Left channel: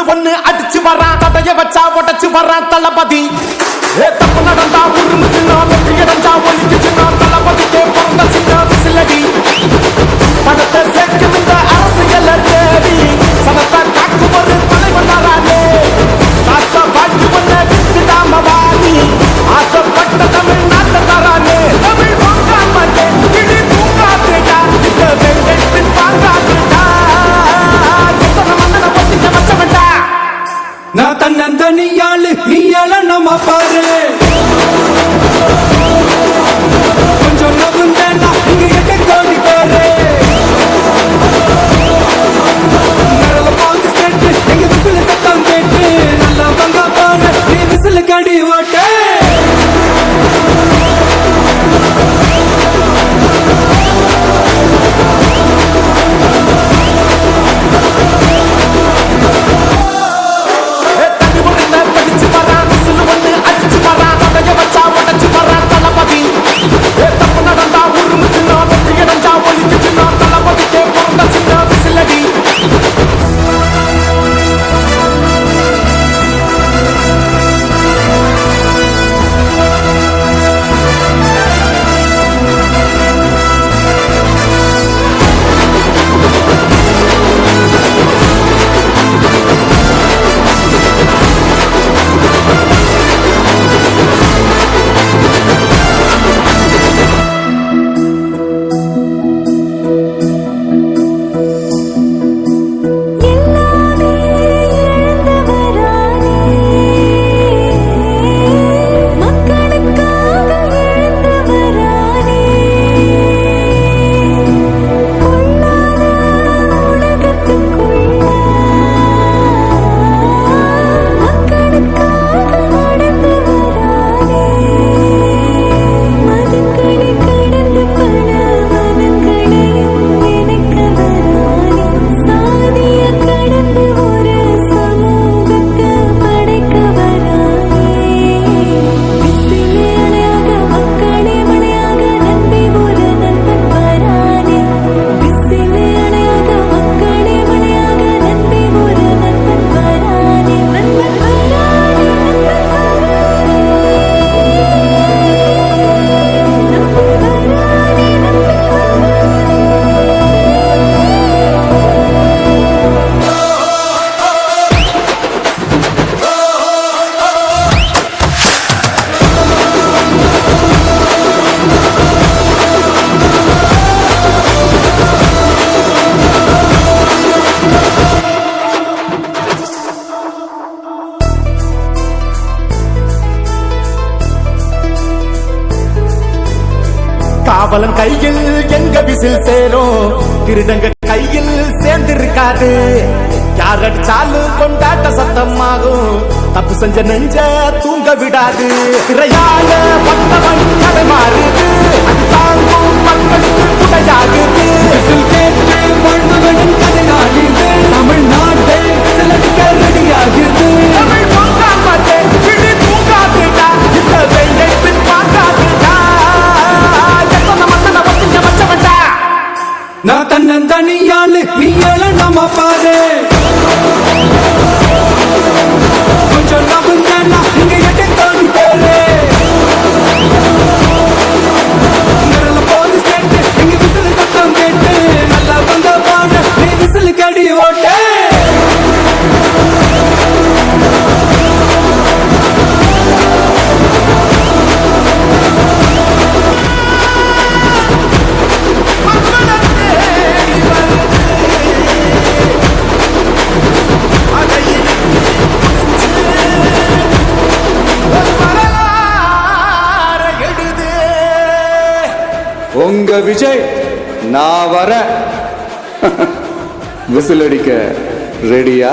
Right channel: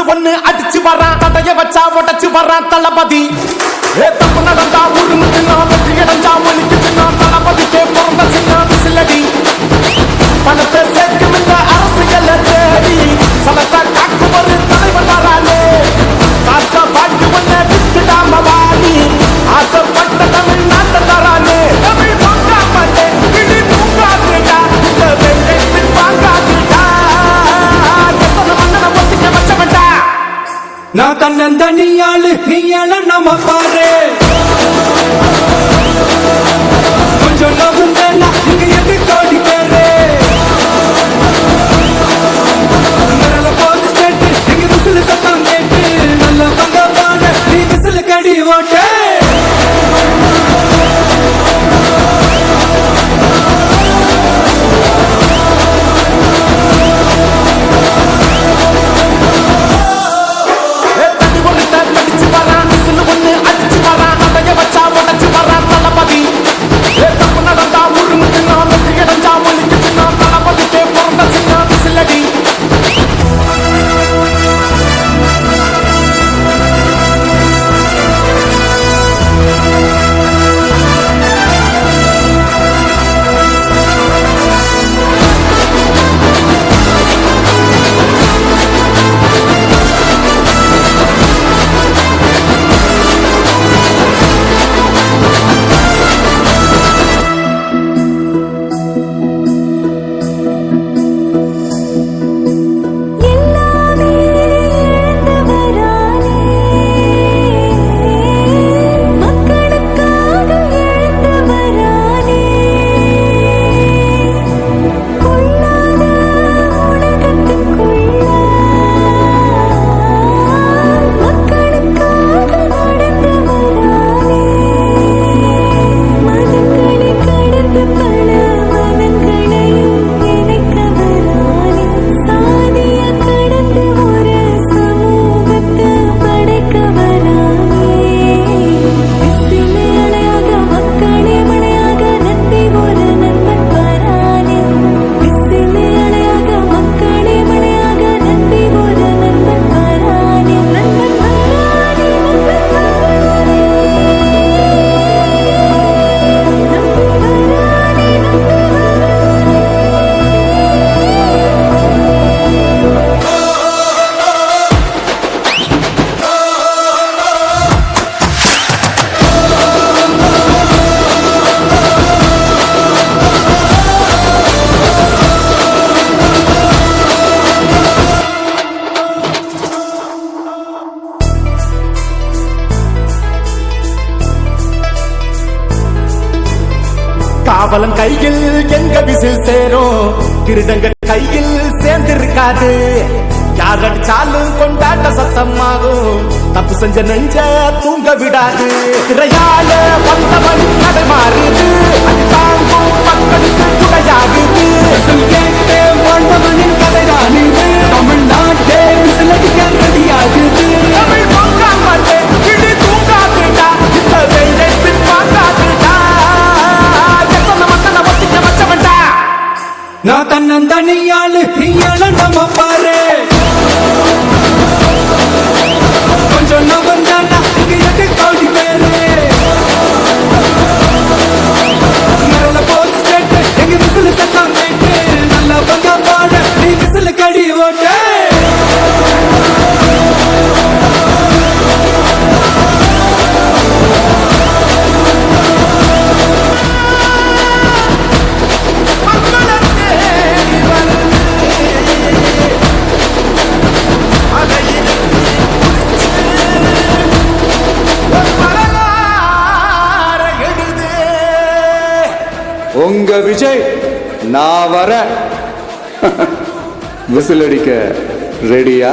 Whistle ஒண்ணு அடிச்சு வரான், தடைய வச்சா உடச்சு வரான் தளபதி. தப்பு நடந்தா உருமு சின்ன, வெற்றி அடைஞ்சா ஒலிக்கு சின்ன, தளபதிக்கே பிறந்த சின்ன விசிலடி. பணத்தை சேர்க்கும் இந்த அரசியலை தேடி சனத்தை காக்கும் ஒரு தலைவன் வரானே. காசை வாங்கி ஒன்ன வித்துடாம வாணி, ஆசைப்பட்ட தமிழ்நாட்டை தரானே. தமிழ் வாங்காமட்டே கிளி தூங்காதுடா, இந்த வெங்கை பின் வாங்காதுடா. எத்தனை மன்னனை ஒத்திக்க வச்சவன்டா. நான் தன்னந்தனியாளு, நீயாள நம்ம பாரு. கொஞ்சம் நவுந்தேன்னா நீங்க எட்ட கோடி பேரு. நல்ல போது ஸ்டேட்டு, எங்க விசில் சத்தம் கேட்டு நல்ல பங்க பாரு, நீ விசில் கடி ஓட்டு. தப்பு நடந்தா உருமு சின்ன, வெற்றி அடைஞ்சா ஒலிக்கு சின்ன, தளபதிக்கே பிறந்த சின்ன விசிலடி. காவலன் கையில் எங்க விசில் சேரும், திருடங்க கையில் சேர்ந்திருக்காது. யார் அடிச்சாலும் கொண்டாட்ட சத்தமாகும், தப்பு செஞ்ச நெஞ்ச தூங்க விடாது. திரையால வந்தவன் கடை மாறுது, அது தாங்கும் மக்களுக்கு குடையாகுது. தமிழ்நாட்டே விசிலடிக்க ரெடியாகுது. தமிழ் வாங்காமட்டே கிளி தூங்காதுடா, இந்த வெங்கை பின் வாங்காதுடா. நான் தன்னந்தனியாளு, நீயாள நம்ம பாரு. கொஞ்சம் நவுந்தேன்னா நீங்க எட்ட கோடி பேரு. நல்ல போது ஸ்டேட்டு, எங்க விசில் சத்தம் கேட்டு நல்ல பங்க பாடு, நீ விசில் கடி ஓட்டு. உங்க விஜய் நான் வர விசில் அடிக்க ரெடியா?